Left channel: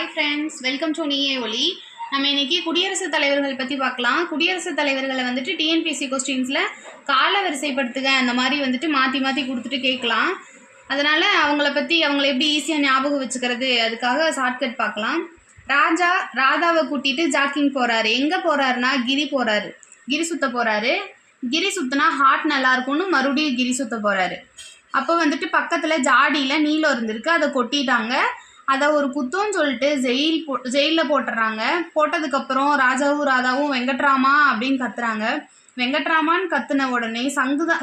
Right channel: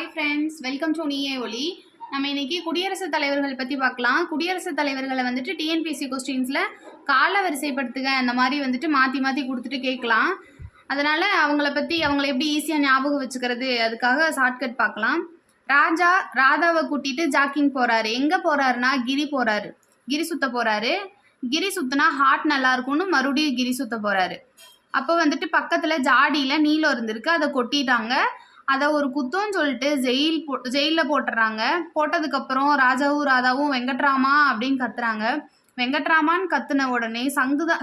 Hi friends, welcome to நீயே ஒலி. நம்ம இன்னைக்கு குடியரசுத் தலைவர்கள் பற்றி பார்க்கலாம். குடியரசுத் தலைவர்களை வந்துட்டு டிஎன்பிஎஸ்சி கொஸ்டின்ஸில் கால வரிசைப்படுத்துக அந்த மாதிரி வந்துட்டு மாற்றி மாற்றி கொடுத்துட்டு கேட்கலாம். அதனால் அவங்கள எப்படி ஈஸியாக ஞாபகம் வச்சுக்கிறது, அதுக்காக ஷார்ட்கட் பார்க்கலாம். ராஜா ராதாவை கூட்டிகிட்டு ஜாக்கிங் போகிறாரு. எங்கே போகிறாருன்னா கிரி போகிறாரு, கிரி சுற்ற போகிறாரு. கிரி சுற்றினா ஹார்ட் நல்லாயிருக்கும்னு மறுபடியும் கிரி சுற்ற போகிறாரு. அப்போ வந்துட்டு பக்கத்தில் ஜாடியில் நீலம் இருந்திருக்கு, அதை கொட்டிட்டாங்க. அதை ஒரு குத்தம்னு சொல்லிட்டு ஜெயிலில் போட்டுடுறாங்க. போட்டதுக்கப்புறம் ராஜாவும் ராதாவும் வெங்கட்ராமா அப்படின்னு கத்துறாங்க. வெங்கட்ராமான்னு கத்துன உடனே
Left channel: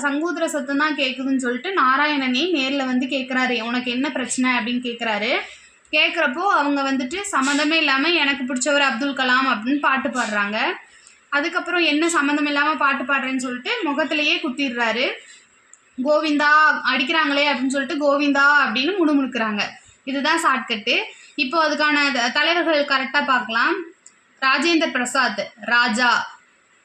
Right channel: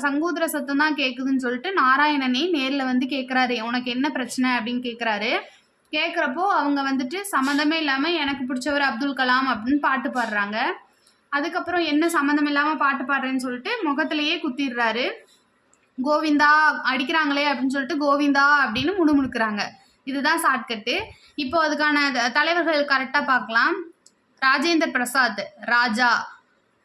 சங்கூதர சத்தம் தான் கேட்குதுன்னு சொல்லிட்டு நாராயணனே நேரில் வந்து கேட்குறாரு, உனக்கு என்ன பிரச்சனை அப்படின்னு கேட்குறாரு. கேட்குறப்போ அவங்க வந்துட்டு சம்மந்தமே இல்லாமல் எனக்கு பிடிச்சவர் அப்துல் கலாம் அப்படின்னு பாட்டு பாடுறாங்க. அதுக்கப்புறம் என்ன சம்மந்தம் இல்லாமல் பாட்டு பாடுறேன்னு சொல்லிட்டு முகத்திலேயே குத்திடுறாரு. கோவிந்தா அடிக்கிறாங்களே அப்படின்னு சொல்லிட்டு கோவிந்தா அப்படின்னு முணுமுணுக்கிறாங்க. இதுதான் ஷார்ட்கட்டு. இப்போ அதுக்கான தலைவர்கள் கரெக்டாக பார்க்கலாம். ராஜேந்திர பிரசாத் ராஜா,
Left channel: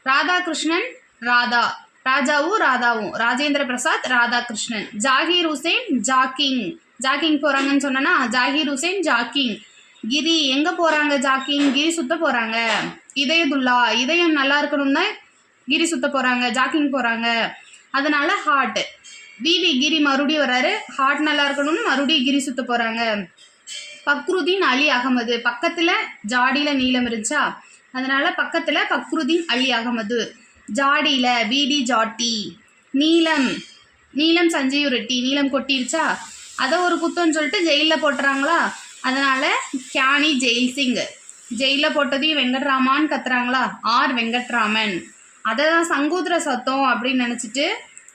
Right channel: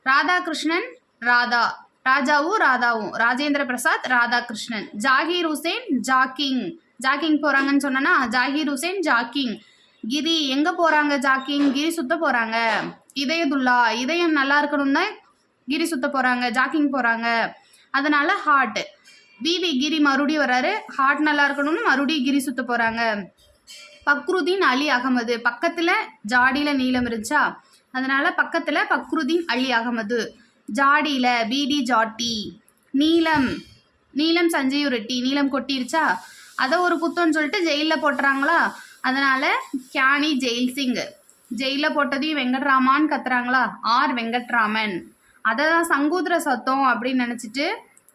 ராதாகிருஷ்ணன் ராதா, ராஜாவும் ராதாவும், ராஜேந்திர பிரசாத் ராதாகிருஷ்ணன். ஜாகீர் ஹுசேன் ஜாக்கிங் போகிறாங்கன்னு சொன்னேன்னா ஜாகீர் ஹுசேன் ஜாக்கிங். கிரி எங்கே போகிறாங்க, ஜாக்கிங் கிரி சுற்ற போகிறாங்க. இதயதுல்லா இதயம் நல்லா இருக்கணும்னா கிரி சுற்ற போகிறாங்க, ஜாக்கிங் போகிறாங்க. அதனால் ஹார்ட். பிவி கிரி மறுபடியும் வர்றாரு, ஹார்ட் நல்லா இருக்கணும்னு மறுபடியும் கிரி சுற்ற போகிறாங்க. பக்ருதீன் அலி அகமது, பக்கத்தில் ஜாடியில் நீளம் இருந்துச்சா, அதனால் பக்கத்தில் பக்ருதீன் அலி அகமது. ஜாடியில் பிடி ஜாட்டி. நீளம் சஞ்சீவ் ரெட்டி, நீளம் கொட்டிருச்சா, அதை ஒரு குத்தம்னு சொல்லிட்டு ஜெயிலில் போட்டுறாங்களா, அதனால் கியானி ஜெயில் சிங். ஜெயிலில் போட்டதையும் வெங்கட்ராமான்னு கத்துறாங்களா, ஆர் வெங்கட்ராமன். அதை தான் சங்கூதர சத்தம் அப்படின்னு நினச்சிட்டு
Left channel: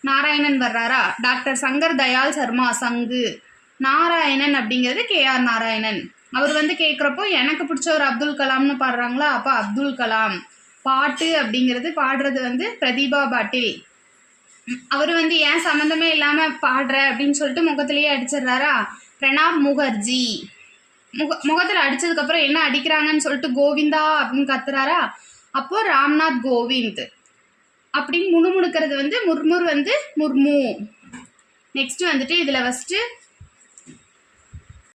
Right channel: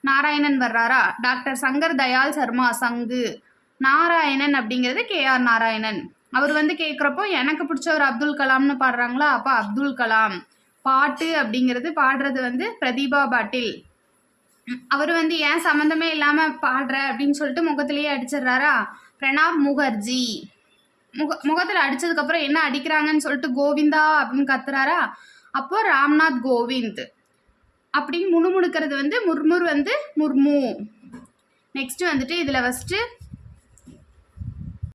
நாராயணன் வர்றாரா, டாக்டர் சங்கர் தயாள் சர்மா சங்கு. நாராயணன் அப்படிங்கிறது கேஆர் நாராயணன். அவர் வந்து கேட்குறப்போ எனக்கு பிடிச்சவர் அப்துல் கலாம்னு பாடுறாங்களா, அப்போ அப்துல் கலாம். பாட்டு அப்படிங்கிறது பாடுறது வந்து பிரதீபா பாட்டில். அவர் வந்து ஏன் சம்மந்தமே இல்லாமல் பாடுற அப்படின்னு சொல்லிட்டு முகத்திலேயே அடிச்சிடுறாரா, பிரணாப் முகர்ஜி. முகத்தில் அடித்ததுக்கப்புறம் என்ன அடிக்கிறாங்கன்னு சொல்லிட்டு கோவிந்தா அப்படின்னு கத்துறாரா, அப்போது ராம்நாத் கோவிந்த் அப்படின்னு முணுமுணுக்கிறது வந்து முர்முர் வந்து முர்மு. நெக்ஸ்ட்டு வந்துட்டு இதில் ஃபஸ்ட்டு